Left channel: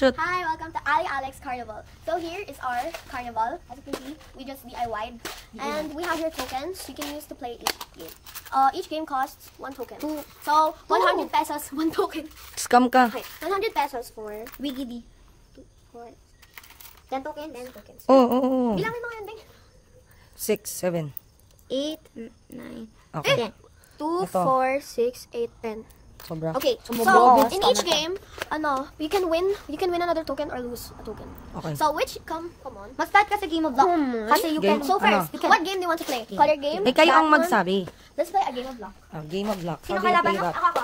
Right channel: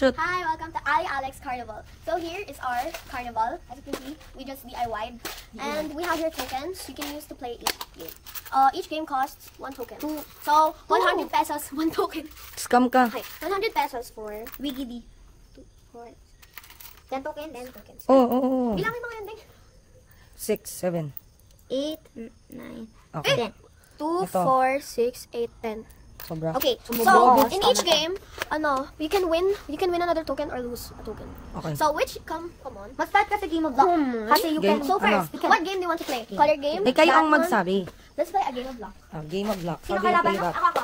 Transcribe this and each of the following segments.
shoot. Hi, welcome to Ali Alex Carnival. So here is our carnival. As you can see, we just DIY'd. And we have here tokens you can use to play each game. Each game costs 1 token. So 100 pesos, 1 token. Scam ka. Okay, 100 pesos for Wiggy 2, 4, 10 tokens, 10 tokens. Oo. Bilangin mo yan, Ding. 6, 7. 8, 9, Okay. 10. 2, Ito. 4, 6, 8, 10. Sobra. Okay, so in each game, you can win another token or lose a token. Okay. So come on. Mas start ka sa Game of Luck. Kasi you Game- can, so ano? first, you can, What game do you want to play? Color game? Eh, kayo ang Batman? magsabi. Let's play a game of luck. Game of luck. How do you play that? Ako.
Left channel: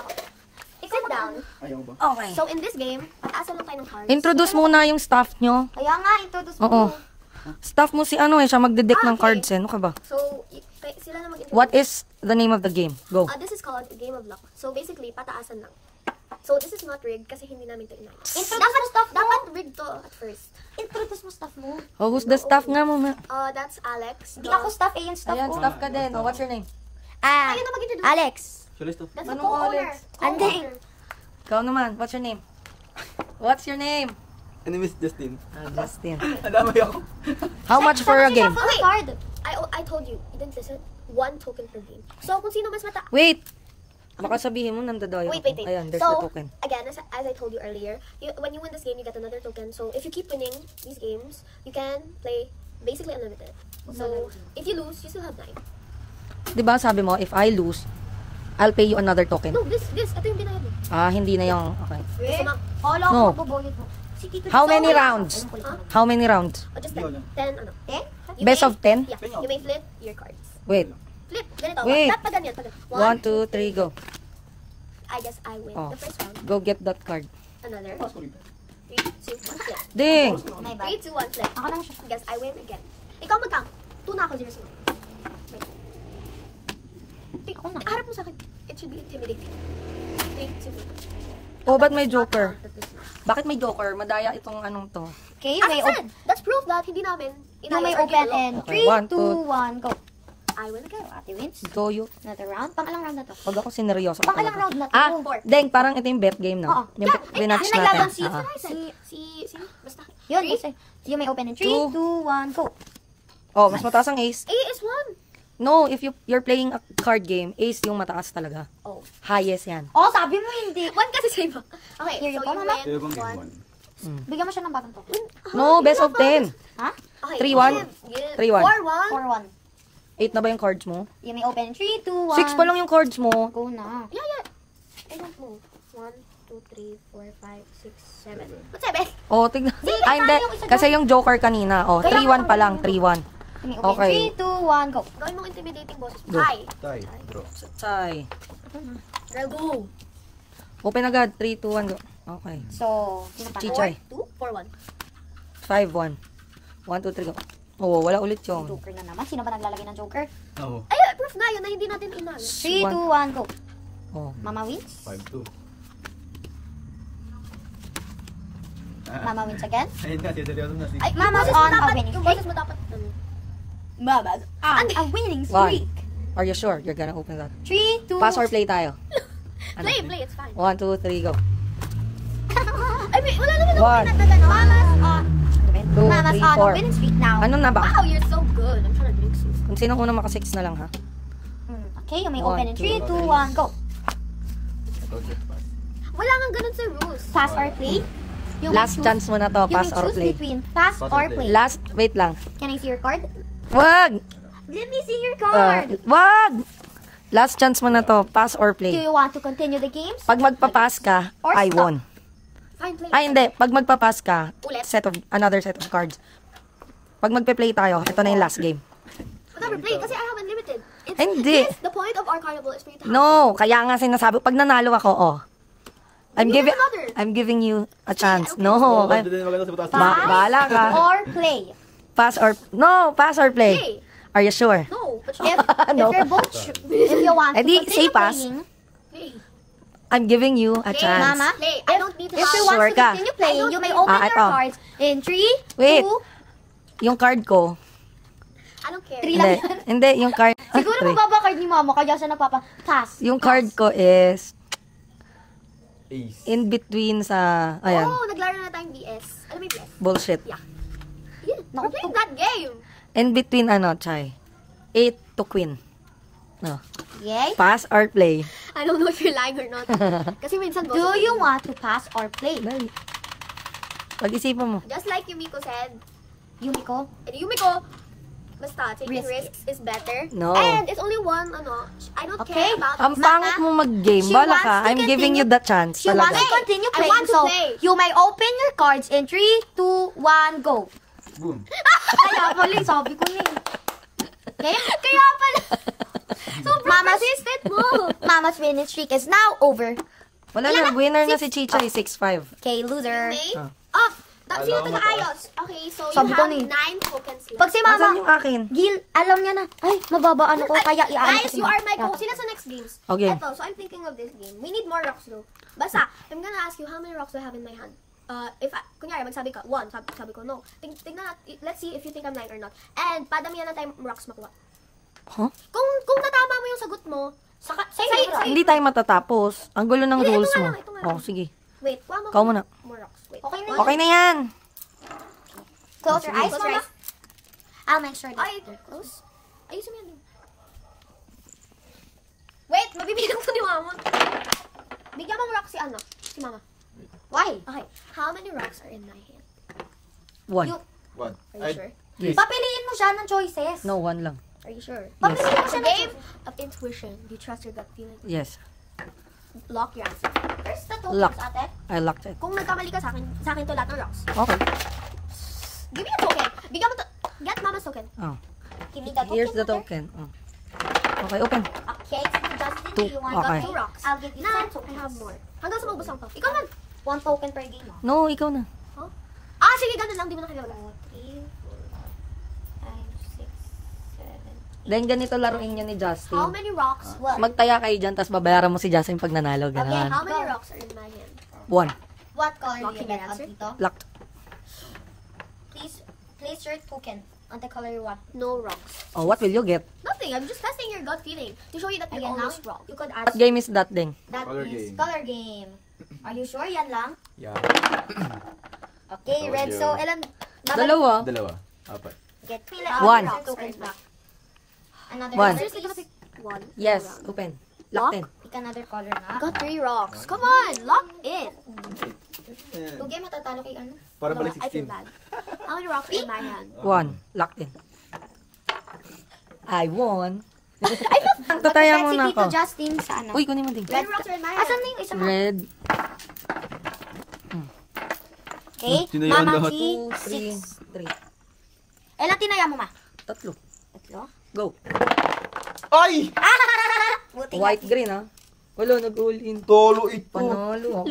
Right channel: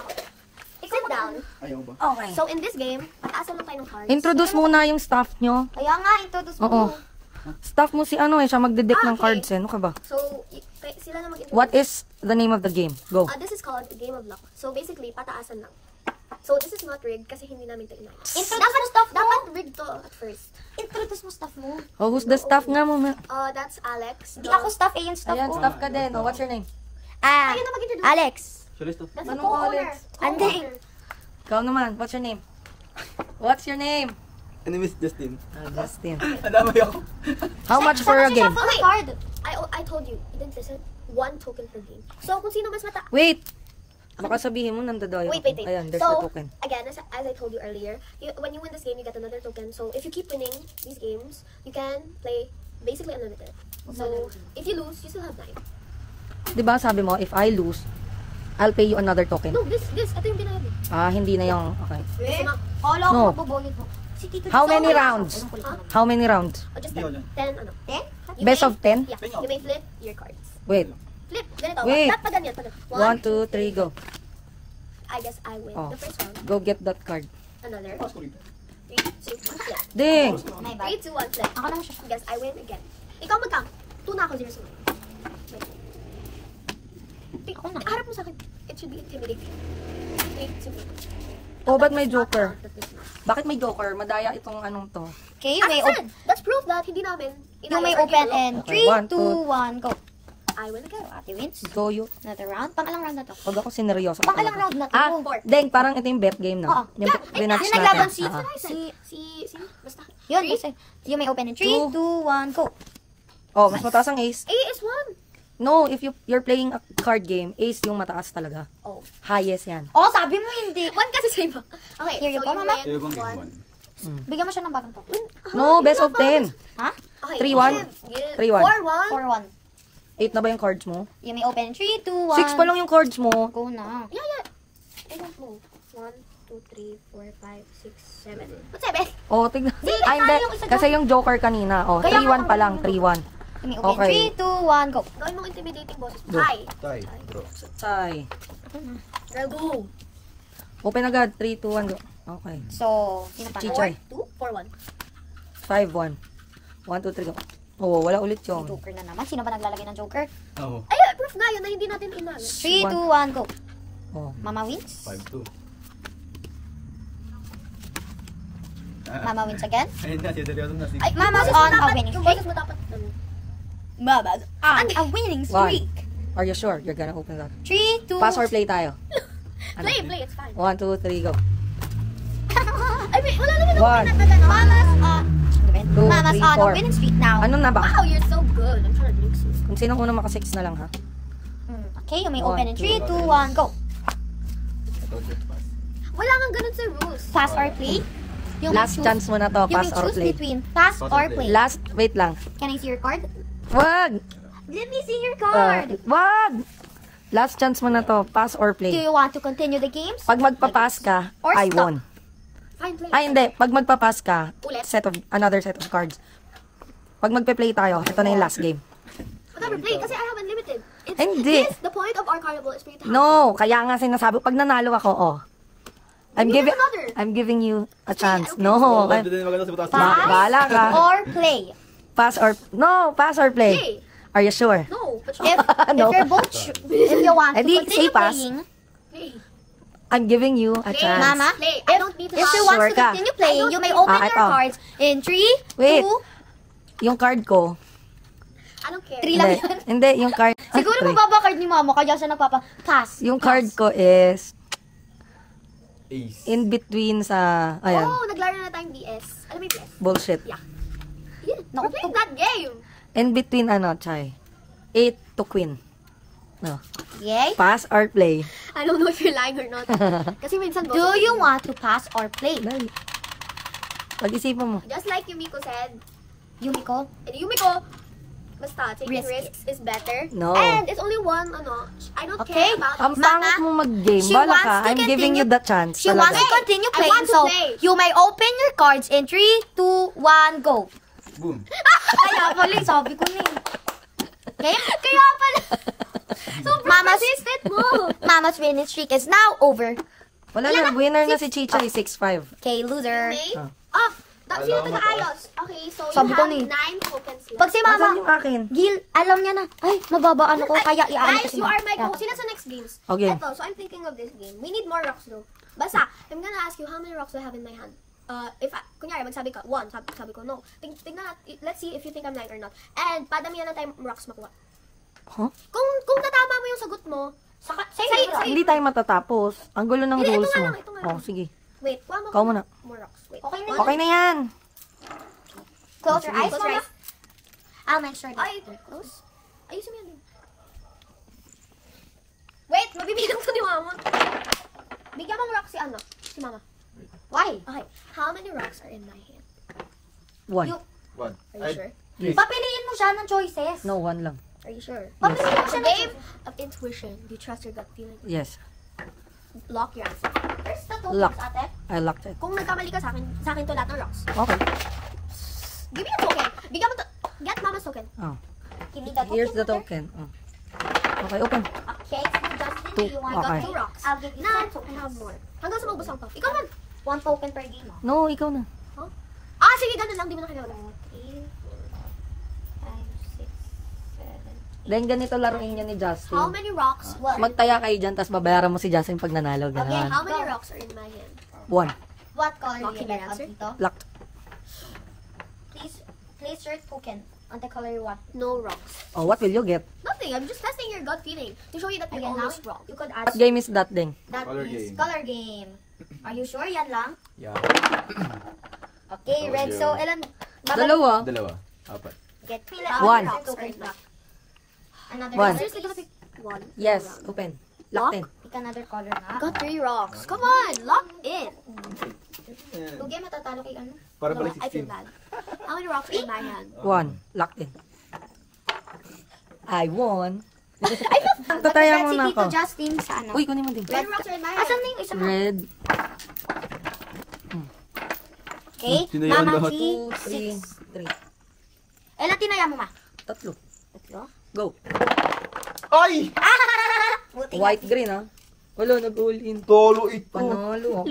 Sit down. okay. So in this game, pataas lang tayo ng cards. Introduce muna yung staff nyo. Kaya nga, introduce mo. Oo. Staff mo si ano eh, siya magdedeck ng okay. cards eh. Ano ka ba? So sila na mag-introduce. What is the name of the game? Go. This is called a game of luck. So basically, pataasan lang. So this is not rigged kasi hindi namin ito inay. Dapat rigged to at first. Introduce mo staff mo. Oh, who's the staff nga muna? That's Alex. Hindi ako staff, yung staff Ayan, ko. staff ka din. Oh, what's your name? Ayun na mag-introduce. Alex. That's Anong the co-owner. Alex? Ande. Ikaw naman, what's your name? What's your name? My name is Justin. Justin. Nadamay ako. How much for a game? Wait, card. I told you, you didn't listen. 1 token per game. So kung sino mas mata. Wait! Baka sabihin mo, nandadayo. Wait. Ayan, there's so, the token. again, as I told you earlier, when you win this game, you get another token. So, if you keep winning these games, you can play basically unlimited. So, if you lose, you still have 9. Diba sabi mo, if I lose, I'll pay you another token. No, this. Ito yung binayad mo. Hindi na yung, okay. Gusto mo? Follow No. mo, boboyot mo. Si Tito How Tito. many rounds? Huh? How many rounds? Just 10. 10, ano? 10? Best of 10? Yeah. You may flip your cards. Wait. Flip. Ganito. Wait. Pag ganyan. 1, 2, 3, go. I guess I win Oh. the first round. Go get that card. Another. 3, 2, 1, flip. Ding! May ba? 3, 2, 1, flip. Ako naman siya. Guess I win again. Ikaw mag-count. 2 na ako, 0 0. Harap mo sa akin. It should be intimidating. 3, 2, 1. Oh, ba't may joker? Bakit may joker? Madaya itong anong to. Okay, As I may said, that's proof that hindi namin may inayos our open game and Okay, 3, 1, 2, 1, go. I win again. Ate wins. Go you. Another round. Pang-alang round na to. Pag ako sineryoso ka Pang-alang talaga. round na to. Deng, parang ito yung bet game, Oo. no? Yung rematch natin. Sino? Basta. Yun, you may open in 3, 2, 1, go. Oh, mas mataas ang ace. A is 1. No, if you're playing a card game, ace yung mataas talaga. Oh. Highest yan. Oh, sabi mo hindi. 1 kasi sa iba. Okay, Here you so go, you Mama. win 1. Bigyan mo siya ng bagong token. No, best of 10. Ha? Okay. 3-1? 3-1. 4-1. 4, 1. 8 na ba yung cards mo? You may open in 3, 2, 1. 6 pa lang yung cards mo. Go na. Yeah. I don't know. 1, 2, 3, 4, 5, 6, 7. What's 7? Oh, tignan. Ay, hindi. Kasi yung joker kanina. Oh, 3-1 pa lang. 3-1. You may open Okay. 3, 2, 1, go. Gawin mong intimidating boses. Go. Hi. Bro. Chay. Girl, go. Open agad. 3, 2, 1, go. Okay. So, Chichay. 2, 4, 1. 5-1. 1, 2, 3, go. Oh, wala ulit yung. Joker na naman. Sino ba naglalagay ng Joker? Oo. Ay, proof nga yun na hindi natin inayos. 3, 2, 1, go. Oh. Mama wins. 5-2. Mama wins again. Ayun na, seryoso na si... Ay, Mama yung boses mo on a dapat, winning yung boses mo dapat, Mama. A winning Why? streak. Are you sure you're gonna open that? 3, 2, Pass or play tayo? play, it's fine. 1, 2, 3, go. Ay, wait, wala naman One. ako pinag na Mama's on. 2, Mama's 3, on a 4. winning streak now. Ano na ba? Wow, you're so good. I'm trying to drink soup. Kung sino unang maka-6 na lang, ha? Okay, you may 1, open in 3, 2, 1, go. Wala nga ganun sa rules. Pass or play. You Last may choose- chance mo na to, you pass may or choose play. between pass or play. Last, wait lang. Can I see your card? Wag! Let me see your card. Wag! Last chance mo na to, pass or Do play. you want to continue the games? Pag magpapass ka, Or I stop. won. Fine, play. Ay, hindi. Pag magpapass ka, Ulit? another set of cards. Pag magpe-play tayo, ito na yung last game. Whatever, play. Kasi I have unlimited. Hindi. Yes, the point of our carnival is for you to have No, kaya nga sinasabi, pag nanalo ako, oh. You get another. I'm giving you a chance. okay. No, Maganda din maganda sa butas. bahala ka. Or play. Pass or play. Play. Are you sure? No, but If, No. if you're both if you want to Edi, continue say pass. playing, play. I'm giving you a Play, chance. Mama. Play. I don't need to if you have... want Sure to ka? continue I playing, don't you may know. open your ito. cards in 3, Wait. 2, Yung card ko. I don't care. 3 Hindi, lang. hindi, yung card. Siguro Wait. mababa card ni Mama, kaya siya pass. Yung card ko is Ace. in between sa, ayan. Oh, naglaro na na tayong BS. Alam mo yung BS? Bullshit. Yeah. We're playing that game. In between Chai? 8 to queen. No. Yay? Pass or play? I don't know if you're lying or not. Kasi minsan Do you want to pass or play? Dali. Pag-isipan mo. just like Yumiko said, Yumiko? Yumiko, basta, taking Risky. risks is better. No. And it's only one, I don't care about Ang this. pangit mo mag-game. She Bala wants ka. to I'm giving you continue- the chance. She wants Talaga. to continue I playing. want to so, play. you may open your cards in 3, 2, 1, go. Boom. Kaya pala, sabi ko na eh. Okay? Kaya pala. Sobrang persistent mo. Mama's winning streak is now over. Wala na. Winner na si Chicha. 6-5. Okay, loser. Okay? Ah. Oh, tapos Alam sino mo, pinakaayos? Okay, so Sabi you ko have na eh. 9 tokens here. Pag si Asan mama, yung akin? Gil, alam niya na, ay, mababa ano ko, kaya iaan Guys, you are my coach. Sino sa next games? Okay. Eto, so I'm thinking of this game. We need more rocks though. Basta, I'm gonna ask you how many rocks do I have in my hand. If kunyari, magsabi ka, 1, sabi ko, no. Tingnan natin, let's see if you think I'm lying or not. And, padamihan na tayong rocks makuha. Huh? Kung natama mo yung sagot mo, say, Hindi tayo matatapos. Ang gulo ng Hindi, ito rules nga mo. lang, ito nga lang. Oh, sige. wait, kuha mo Ikaw muna. more rocks. Wait. Okay na Okay na yan. Close your eyes, Close your eyes. I'll make sure Ay, close. Ayusin mo yan din. Wait, mabibigyan ko ni mama. Bigyan mong rock si mama. Why? Okay, how many rocks are in my hand? 1. One. Are you sure? Yes. Papiliin mo siya ng choices. No, 1 lang. Are you sure? Yes. It's a game of intuition. Do you trust your gut feeling? Yes. Lock your answer. First the Lock. tokens, ate. I locked it. Kung nagkamali ka sa akin to lahat ng rocks. Okay. Give me a token. Bigyan mo get mama's token. Oh. Give me the Here's the token. token. Oh. Okay, open. Okay, Justin, do you want I got Okay. 2 rocks. I'll give you Now, two I have more. Hanggang sa maubos ang puff. Ikaw man. 1 token per game. No, ikaw na. Sige, ganun lang. Di mo na kailangan. 3, 5, 6, 7. Then ganito laruin niya ni How Justin. many rocks? Magtaya kayo dyan, tapos babayaran mo si Justin pag nanalo. Okay, Ganun. How many rocks are in my hand? 1. What color Locking do you your have answer? dito? Locked. Please place your token on the color you want. No rocks. Oh, what will you get? Nothing. I'm just testing your gut feeling to show you that you're Again, almost now, wrong. You could What ask game is that then? that Color is game. color game. Are you sure yan lang? Yeah. Okay, Color red. game. So, ilan? Dalawa. Dalawa. Apat. Get One. rocks are in black. Another One. color. Seriously, gonna pick 1. Yes, open. Locked in. Pick another color na. Got 3 rocks. Come on, lock in. Okay, matatalo kay ano? Para No, pala I feel 16. bad. How many rocks are in my hand? 1. Locked in. I won. Tataya Si muna Tito ako. Justin sa ano? Uy, kunin mo din. How many rocks are in my hand? Asan na yung isa pa? Red. Okay, Tinayaan Mama lahat. G. 2, 3, 3. Ilan tinaya mo, ma? 3. Tatlo? Go. Ay! Buti White, green, ha? Wala, nag-all in. Tolo ito. Panalo ako.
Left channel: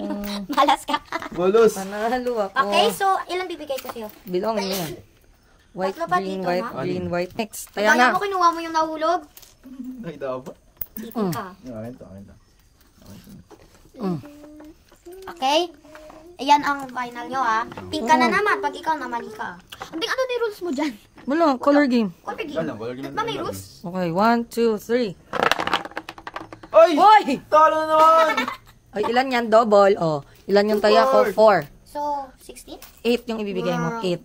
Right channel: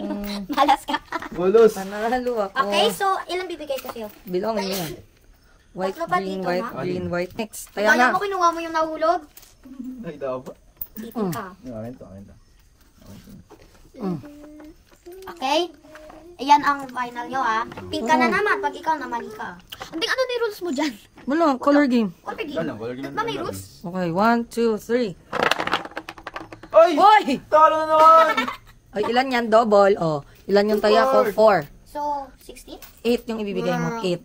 Malas ka. Walos. Panalo ako. Okay, so ilan bibigay ko sa'yo? Bilongin mo yan. White, Tatlo ba green, dito, white, ma? green, white. Next. Kaya Kaya na. mo kinuha mo yung nahulog? Nakita ko ba? Dito ka. Yung akin to, akin to. Okay? Ayan ang final nyo, ha? Pink ka na naman pag ikaw na mali ka. Hindi, ano na yung rules mo dyan? Wala, color game. Color Wala game. lang, color game. Ba may rules? Okay, 1, 2, 3. Ay! Hoy! Talo na naman! Ay, ilan yan? Double. Oh, ilan yung taya ko? 4. So, 16? 8 yung ibibigay mo. 8.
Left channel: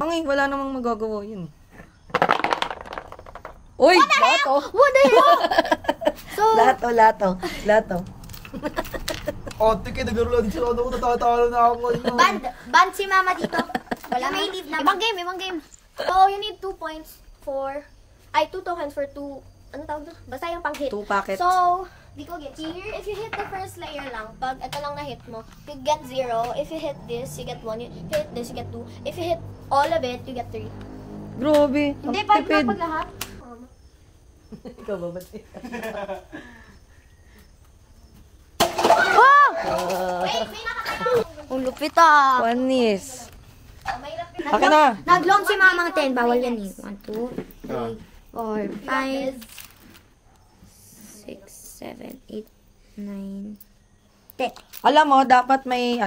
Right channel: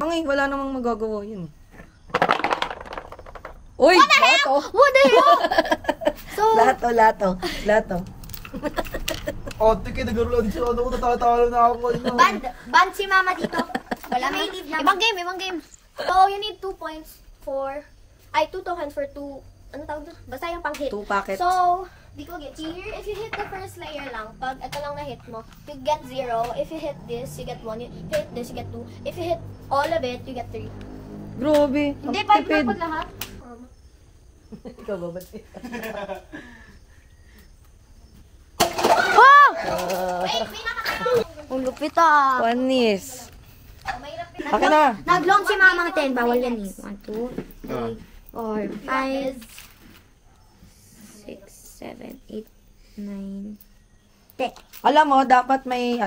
Ay, wala namang magagawa yun. Uy! Lato! What the hell? So, Lato. Oh, tiki, nagkaroon din siya. Ano ko natatalo na ako. band si mama dito. Wala may leave na. Ibang game. So, you need 2 points for... 2 tokens for 2... Ano tawag doon? Basta yung pang-hit. 2 packets. So, di ko get here. If you hit the first layer lang, pag ito lang na-hit mo, you get 0. If you hit this, you get 1. If you hit this, you get 2. If you hit all of it, you get 3. Grabe. Ang Hindi, 5 na tipid. po lahat. Ikaw ba ba? Wait, may nakakita. Ang lupit ah. Panis. May lapit. Okay na. Nag-long si mamang 10. Bawal yan eh. 1, 2, Ah. 4, 5, 6, 7, 8, 9, 10. Alam mo, dapat may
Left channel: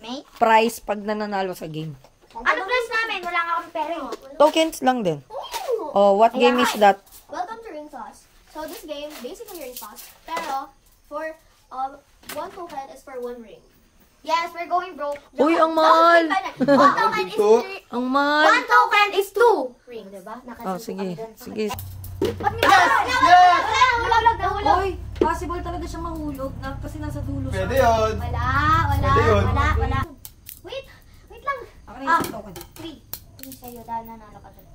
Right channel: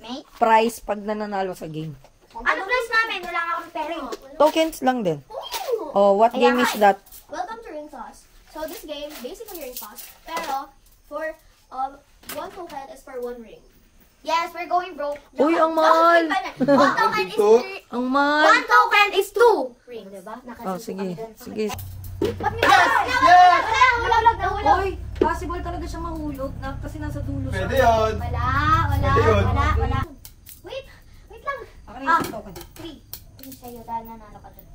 May? prize pag nananalo sa game. Ano plus namin? Wala nga akong pera eh. Tokens lang din. Ooh. Oh, what game is that? Welcome to Ring Toss. So this game, basically ring toss, pero for 1 token is for 1 ring. Yes, we're going broke. Uy, ang mahal. One token is Two. 3. Ang mahal. One token is 2 rings. Diba? Oh, sige. Sige. Wala. Uy, possible talaga siya mahulog na kasi nasa dulo siya. Pwede yun. Wala. Pwede yun. Wait lang. Ako na yung token. 3. Sa'yo, dahil nanalo ka dun.